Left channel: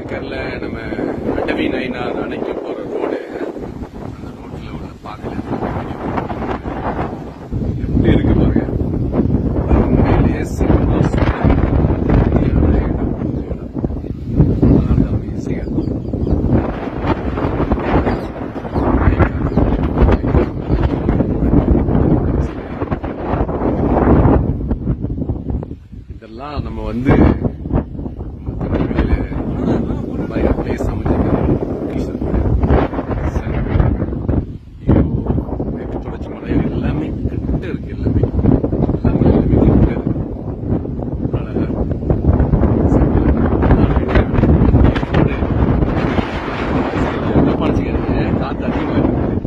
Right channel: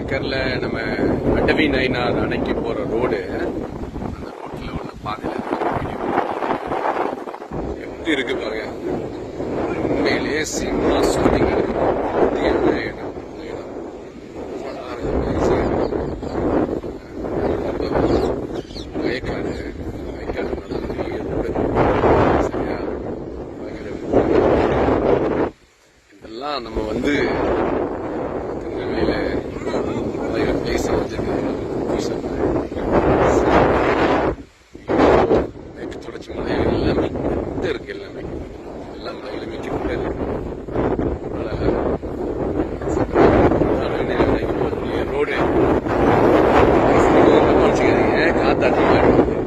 ஏக்கர்ல நம்ம அடவி நயினார் அணைக்கு போகிற ரோடு. அந்த ரோட்டில் ஒண்ணு பார்க்கல எப்படி இருக்கு பாருங்க. உண்மையிலேயே சினிமா ஷூட்டிங் இந்தியான இடம் இந்த இடம். நல்லா இருக்கு, amazing ஆ இதெல்லாம் நம்ம வந்து எல்லாமே கிட்ட இருக்கு எல்லாமே. எல்லாமே எல்லாமே கிட்ட இருக்கு. அழகாக ரோடு? காத்து